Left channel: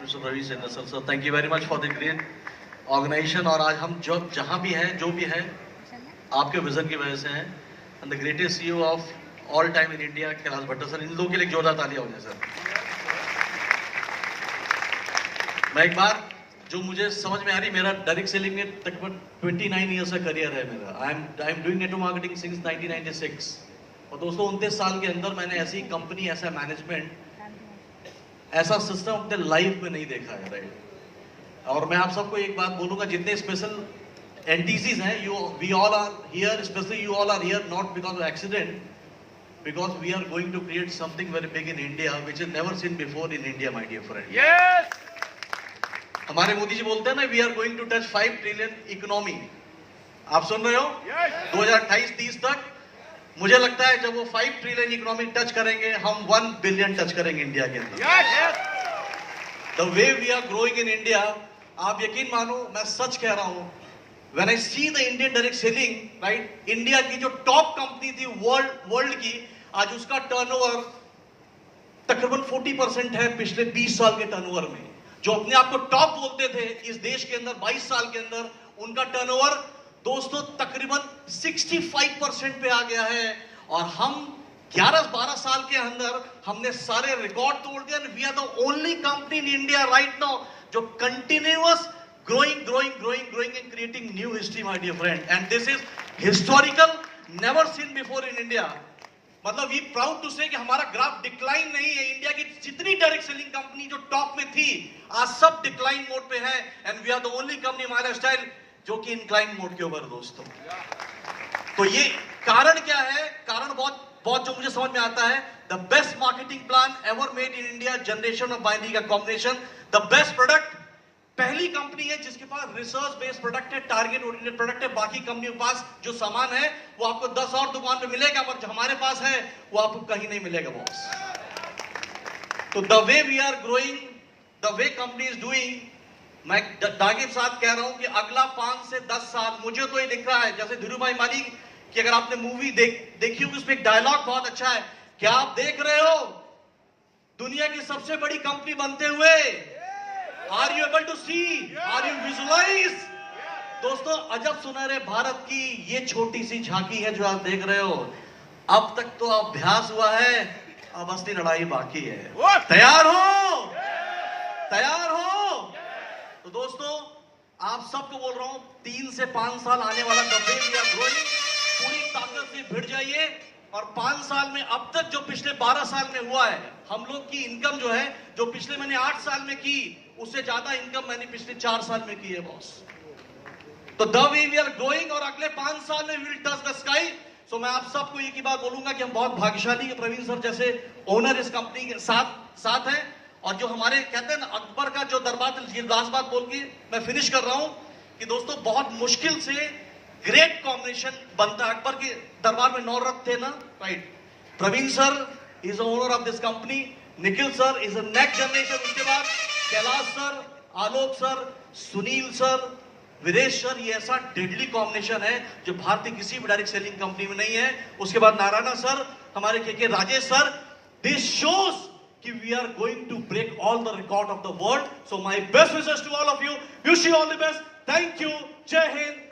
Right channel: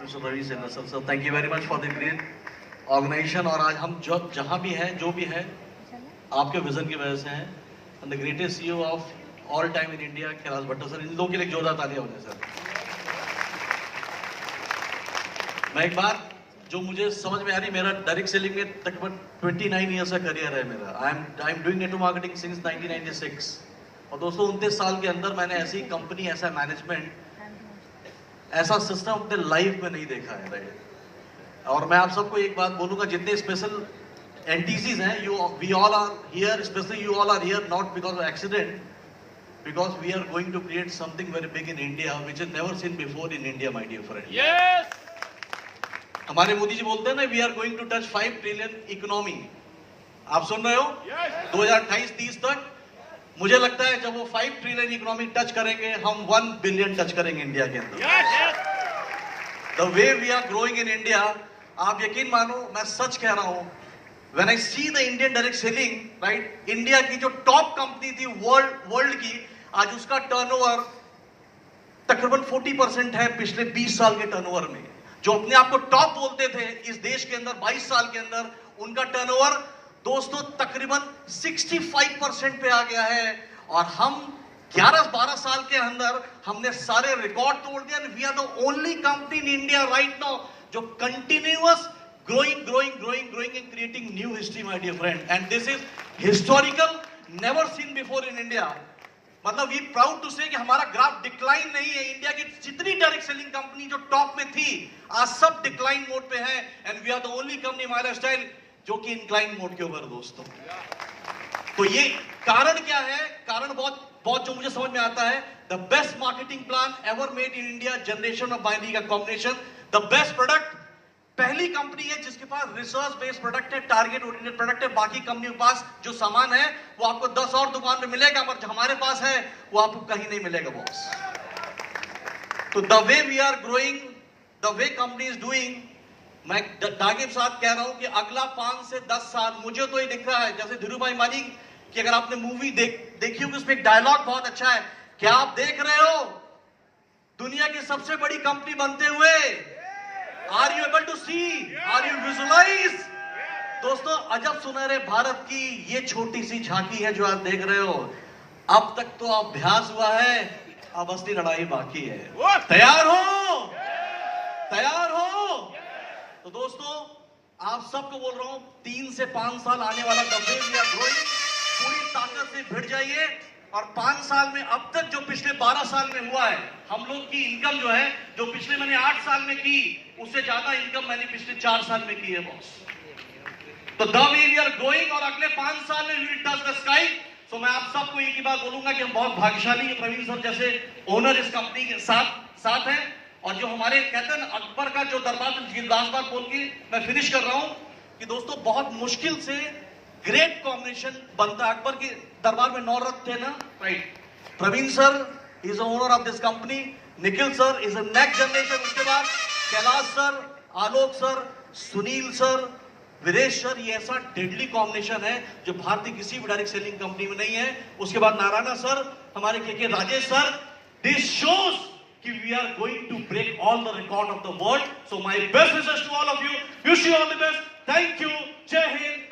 Mr. Ravi Sendasar sir, thank you very much for the great organization. और आज हम जहाँ भी हैं, जो भी हैं, आपके विजन की वजह से हैं. And the greatest CEO of all time in India, Kailash Bhattar sir, इन लोगों के लिए जोरदार तालियां हो जाए सर. मैं एक बात जो मुझे समझ में आ रही, मेरा डायरेक्ट सेलिंग में तकरीबन 29 ईयर्स का करियर है मेरा. I am doing network marketing since 1996. और दोस्तों 29 साल के अंदर मैंने ऐसी कंपनी, ऐसा मैनेजमेंट, ऐसा सिस्टम अपने लाइफ में नहीं देखा है. राइट. और मैं आप सबको एक बात बोलूंगा, जितने स्पेशल एनटीसीज हैं, we all are here, specially you all are here not because of accident, because we are going to create something very big in India which is never seen before in India, my dear friend. Yes. हमारे मोदी जी बोलते हैं ना, we are going to touch 5 trillion economy. आप सुन रहे हो? Yes. 2028-30 तक मुझे लगता है जब वो 5 ट्रिलियन इकोनॉमी टच करेंगे, हम 1 बिलियन टच करेंगे इंडिया के अंदर. Yes. The way we are growing in India, आप यकीन मानो, मैं सच कह रहा हूं, when I see the Indian direct selling, right, India की जो टॉप कंपनी थी वर्ल्ड की, आज उसका टर्नओवर तकरीबन 40% है पिछले 20 साल के टर्नओवर में. जो अपने आप को टॉप बोलते थे इस देश के अंदर 22 साल के अंदर, उनका टर्नओवर दोस्तों तकरीबन 65% पे आ गया है. और हम 11-12 साल के अंदर हमने सारे रिकॉर्ड तोड़ दिया. We are the only company in India right now जो continuous growing and creating new history, my dear friend. And this is historical, never seen before in India. मतलब we proud to say कि हमारा graph decline नहीं है. India की जितनी direct selling company जो top में थी, आज सब डिक्लाइन मोड पे है. And we are the only company Himalaya style जो कि इंक्लाइन मोड के ऊपर दोस्तों. तो ये कारण क्या है? कारण बहुत जो मुझे समझ में आता है, the best marketing plan ever made in India, generation और बाइनरी का कॉम्बिनेशन, द बेस्ट प्रोडक्ट. पहली कंपनी है जिसके पास रिसर्च बेस्ड प्रोडक्ट है, टारगेट ओरिएंटेड प्रोडक्ट है. बाकी कंपनियों के पास जो सामान है वो आपको 10 और दुकान पे मिलेगा, पर जो हमारे पास है वो आपको कहीं नहीं मिलेगा बॉस. तो the way we are growing, the way company is doing, मैं दागिब साहब कह रहा हूं कि अगला 5 से 10 साल मुझे तो ये दिख रहा है, जैसे धीरू भाई माली की अगर आपने मूवी देखी होगी, उसमें एक डायलॉग बहुत अच्छा है. क्या आप देख रहे हो दुनिया की सबसे बड़ी कंपनी बनते हुए? Are you able to see? Are you visualize? दोस्तों अजब सुनहरे भारत की ये छोटी सी झांकी है जो आप देख रहे हो. अब तक तो अभ्यास हुआ है, अब असली लड़ाई बाकी है. तैयार हो? तैयार हो? तो दोस्तों आप सबको बोल रहा हूं, 3 से 5 साल आने वाला the way we are growing, पूरी ताकत से भिड़ जाइए. और 5 साल में अब तक जो पिछले 12 साल में हुआ है, हम लोग की इनकम जो है, जो पिछले मैंने 8 साल में की, उससे ज्यादा इनकम मैंने पिछले 4 साल में की है बॉस. तो the way we are growing, और अगले 5 साल में we will touch the sky. So मैं आप सबको एक ही बात बोलूंगा कि हम बहुत भाग्यशाली हैं, प्रवीण सर जैसे ओनर इस कंपनी के साथ हैं. और जो हमारे कहते हैं ना, अकबर का जो दरबार, लास्ट बात बोल के मैं फिनिश कर रहा हूं कि दोस्तों बहुत मुश्किल से ग्रेट कॉम्बिनेशन बनता. अकबर के दरबार में 9 रथ थे ना, right. Praveen sir is owner of this company, Nikhil sir is a next generation, उसके बाद Kailash sir, Alok sir, Sunil sir, Viresh sir. ये ऐसा डेडली कॉम्बिनेशन है जो भारतीय किसी भी डायरेक्ट सेलिंग कंपनी में नहीं है. उसके बाद नारायण सर, हमारे के राजेश सर. दिस शोज कि we are going to break all the record of the world. So my best wishes to all of you. Wish you all the best. Thank you. जय हिंद.